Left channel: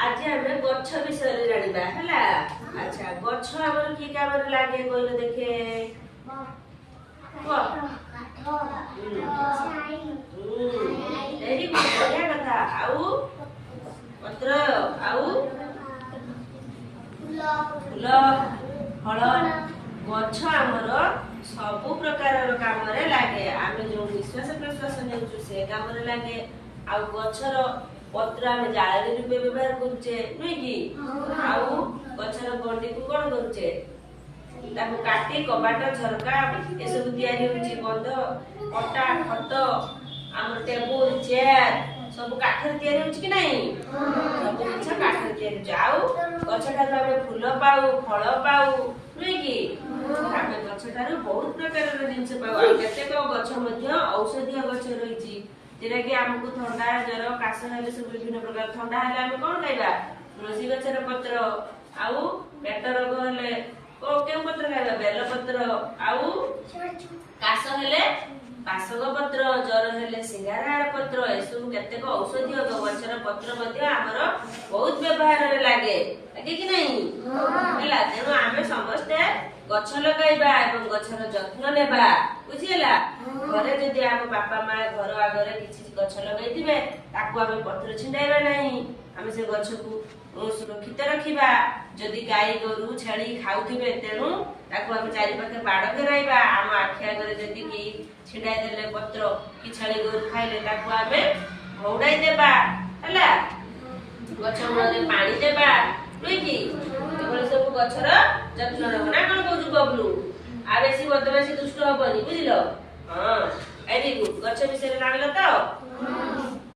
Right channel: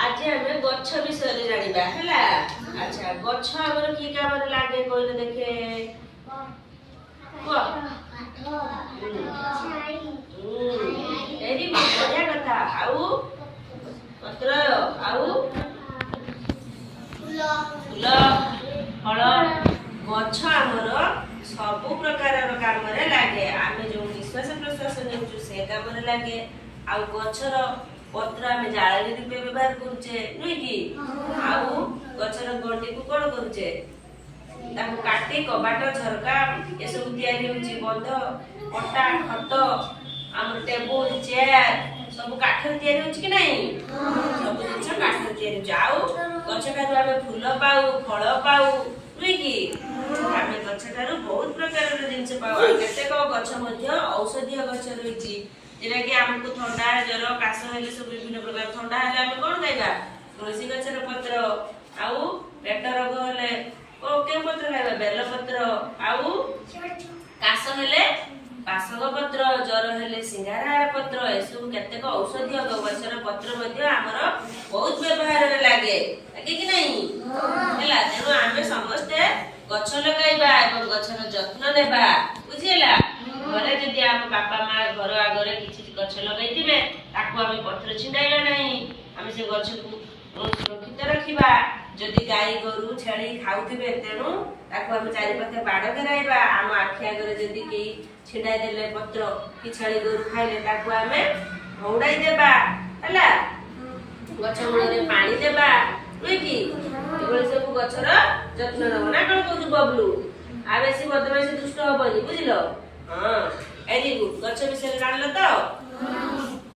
आज हमें गच्छ विषय जानिबा हैला। अच्छा गच्छ हमर की कामरे लागे कहले देखे एरी बढ़िया कथा आउ पत्र आउ फूल फल गच्छ हमर सब प्रकार कामरे लागे। आमे जो निश्वास प्रश्वास नेउछु से कामरे लागे। आउ गच्छर पत्र आमे जाळी रूपे व्यवहार करूचे नुई की आउ गच्छर गंडी को कोन करूचे ताकू काटी कबाट झरका ए सब तयारी होची। बंध पट्टा खट हमर टेबल चेयर सब काठर तयारी होची कि नहीं सब जिंस काठर तयारी जाऊ। गच्छटारु आमे फूल पाऊ फल पाऊ नुई की आमे गच्छटारु बहुत प्रकार रो जिंस पाऊ। केतेक गच्छ मध्ये औषधीय गच्छ रहिची जेना कि हमको ठंडा जर काश हेले सब विभिन्न प्रकार ठंडा हेले हम कोन खाइबा तुलसी गछर पत्र आउ पेट रोग हेले को के पत्र खाइबा बेल पत्र आउ काश हेले पासग पत्र जर हेले सिंगारहार पत्र ए सब केतेक औषधीय गछर पत्र मध्ये हमर बहुत व्यवहार रे लागे लागे कि नहीं हैला। तेनु आमे समस्त गछ लगाइबा एवं गछर जत्न नेबा बुझिला। घरे जदि आम बापा माँ घर आगे किसी गछ लगे ताकू आम पत्र छिंडाइबा नहीं आम से गछ को सुरक्षित रखिबा। जदि गाई गोरु छेली खाउथिबे तेनु ताकू आम चारि पाखे बाड़ घेराइबा। आम आखि आगे जदि के छिंडाइ देले पत्र कि छेली गोरु खाइले ताकू आमे घौड़ाई देबा हैला। गछ मूଳରେ पानी देबा नुई की एभଳି सब गछर जत्न नब ना कोन कहू बबलू आ बेसी बदमाशी दुष्ट हबनी बुझिलो। हाँ वेरी गुड गछ विषय जानल तो।